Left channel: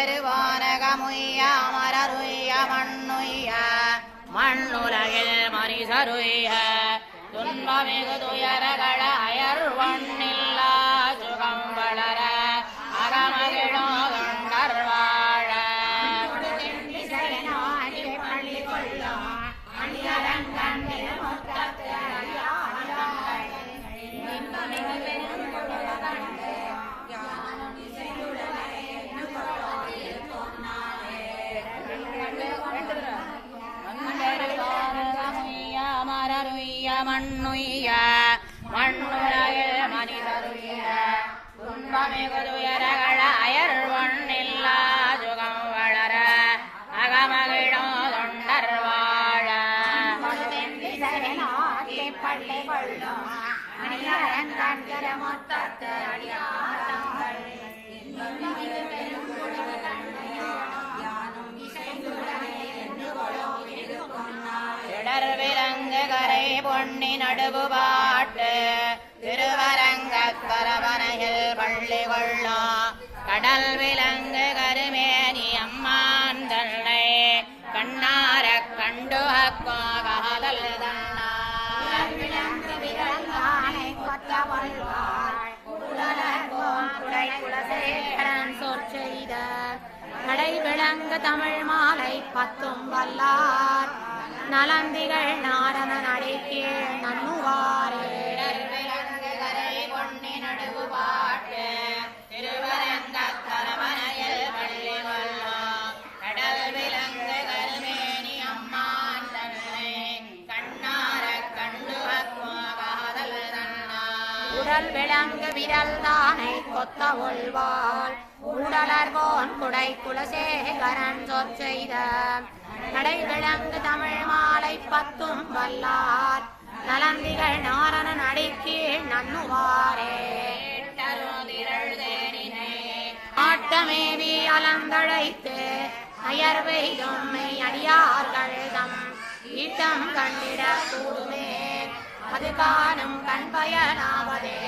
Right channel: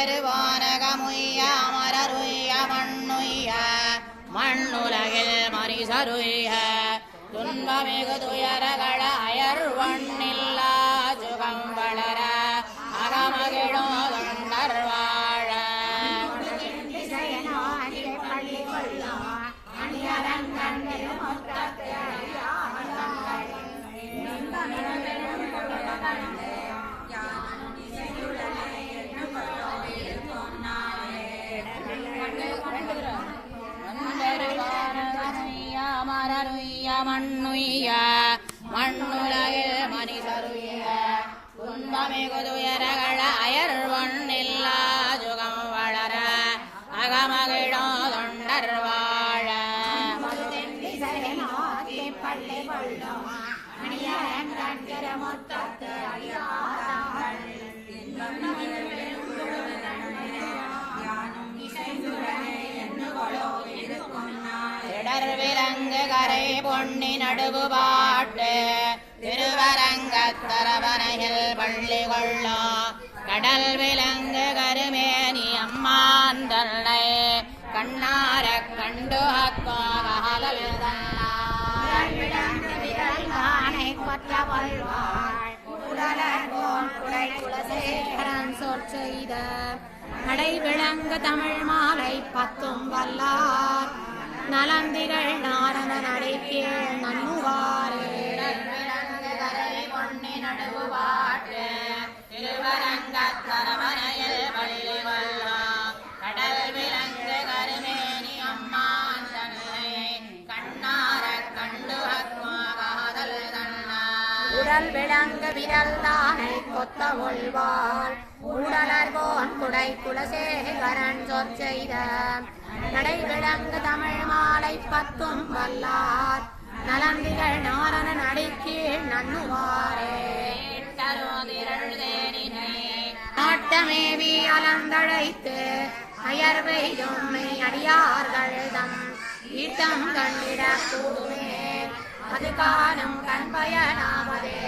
மந்தருவானகமுய்ய அமரருய்ய மண்ணுய்ய மண்ணுலகில் மனிதருய்ய துன்பமிகு துயரகள அயர்வண்ணில்லா சுகம் வளர அகமகிழோ தொண்டர் வாழ மரருய்ய மண்ணுய்ய மண்ணுலகில் மனிதருய்ய துன்பமிகு துயரகள அயர்வண்ணில்லா சுகம் வளர அகமகிழோ தொண்டர் வாழ விலங்கு கரை பொன்னி நடுவு பாட்டு திருவரங்கத்தரவனையில் பள்ளி கொள்ளும் கடல் விலங்கு கருமேனி அம்மான் தன்னை கண்ணார கண்டு காதல் சொற் செய்த நடை விளங்கு தமிழ் மாலை பத்தும் வல்லார் நலந்திகள் நாரண நடைக்கே நன்னுவாரே பொன்னி நடுவு பாட்டு திருவரங்கத்தரவனையில் பள்ளி கொள்ளும் கடல் விலங்கு கருமேனி அம்மான் தன்னை கண்ணார கண்டு காதல் உடல் விலங்கு விரல் தானை கொத்த ஒள்வாள் உடலர்வோன் குடை குலசேகரன் சொற் செய்த நடை விளங்கு தமிழ் மாலை பத்தும் வல்லார் நலந்திகள் நாரண நடைக்கீழ் நன்னுவாரே ஆட்டமேவி அலந்தழைத்து அயர்வையும் அடியார்கள்தம் ஈட்டம் கண்டிட கூடுமே அது காணும் கண் பயனாவதே